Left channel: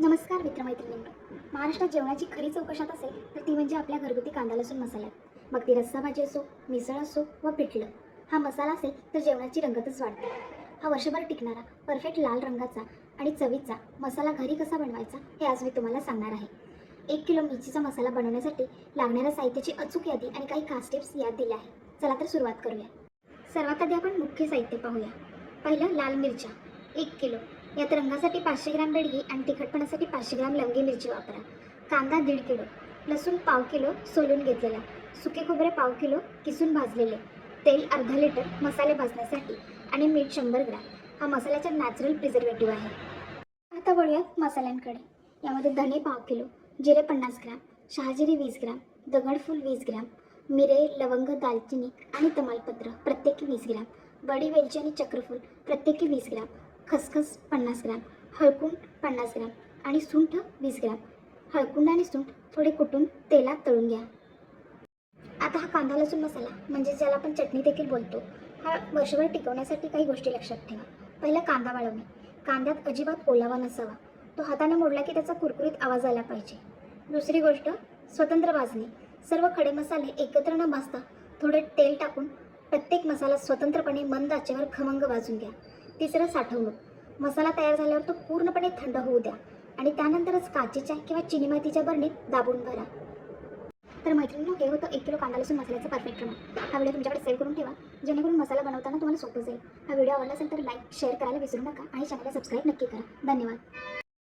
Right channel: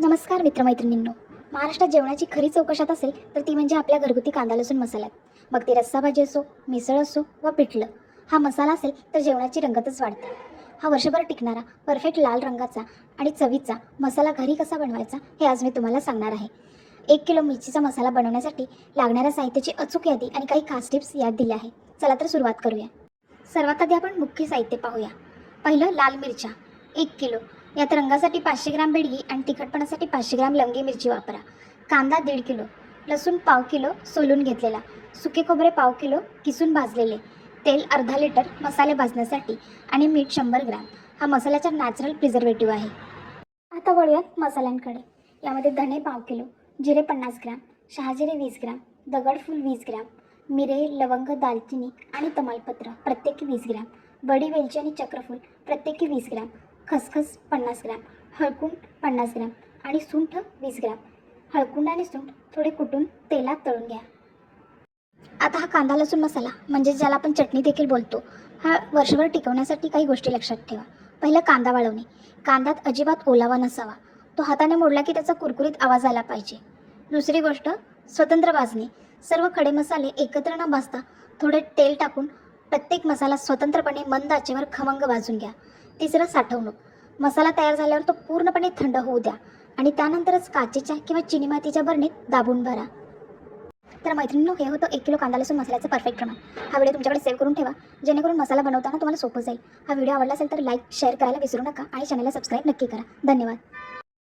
नमस्कार मित्रमैत्रिणींनो. महाराष्ट्रात जेवणाची खरी चौकशात असेल तर ती म्हणजे आपल्या घरगुती कांदा लसूण मसाल्यात मग ती रस्सा भाजी असो मिसळ असो व पिठलं. हा मसाला असेल तर जेवणाची रंगतच वाढते. हा वर्षभर टिकणारा परफेक्ट लाल रंगाचा आणि चवीचा मसाला घरी कसा बनवायचा हे आज मी तुम्हाला सांगणार आहे. एक किलो मिरचीचा मसाला बनवण्यासाठी लागणाऱ्या साहित्याची अचूक यादी आणि काही खास टिप्स यात दिल्या आहे चला तर सुरुवात करूया. सर्वात आधी आपण मुख्य साहित्य पाहूया. पहिलं लाल मिरच्या. एक किलो. यात रंगासाठी पाचशे ग्राम बेडगी आणि तिखटपणासाठी पाचशे ग्राम लंगी मिरची वापरा. कांदा दीड किलो लसूण पाव किलो सोलून घेतलेला सुके खोबरे पाव किलो किसून भाजलेले तेल अर्धा लिटर मसाले भाजण्यासाठी आणि मीठ शंभर ग्राम. हा मसाल्याचा नॅचरल प्रिझर्वेटिव्ह आहे. आता वळूयात मसाल्यांकडे. यामध्ये धने पाव किलो जिरे पन्नास ग्राम शहाजिरे वीस ग्राम दगडफूल वीस ग्राम मिरे लवंग दालचिनी आणि तमालपत्र प्रत्येकी वीस ग्राम बडी वेलची आणि चक्रफूल प्रत्येकी वीस ग्राम खसखस पन्नास ग्रॅम हळकुंड पन्नास ग्रॅम आणि सुंठ वीस ग्रॅम. हळकुंड आणि सुंठ थोडे कुटून तेलात तळून घ्या. आता हा कांदा लसूण मसाला म्हणजे ज्याला आपण चटणी देखील बोलतो हा वर्षभर टिकवण्यासाठी काही गोष्टी लक्षात ठेवा. पहिलं कांदा वाळवणे. कांद्यात अजिबात ओलावा नसावा. तो हाताने मोडला की त्याचा कुरकुरीत आवाज आला पाहिजे. दुसरी गोष्ट स्वतंत्र भाजणे. सर्व खडे मसाले एकत्र न भाजता थोडे तेल टाकून प्रत्येक मसाला स्वतंत्रपणे मंद आचेवर खमंग भाजून घ्या. तिसरं साठवणूक. मसाला तयार झाल्यावर तो पूर्णपणे थंड होऊ द्या आणि त्यानंतरच काचेच्या किंवा चिनी मातीच्या बरणीत दाबून भरा. तर मैत्रिणींनो हे होतं एक किलो कांदा लसूण मसाल्याचं परफेक्ट प्रमाण. हा व्हिडिओ तुमच्याकडे सेव्ह करून ठेवा. जेणेकरून मसाला बनवताना तुम्हाला सोपं जाईल. हा व्हिडिओ आवडला असेल तर लाईक शेअर करायला विसरू नका आणि चॅनलला सबस्क्राईब नक्की करा. धन्यवाद.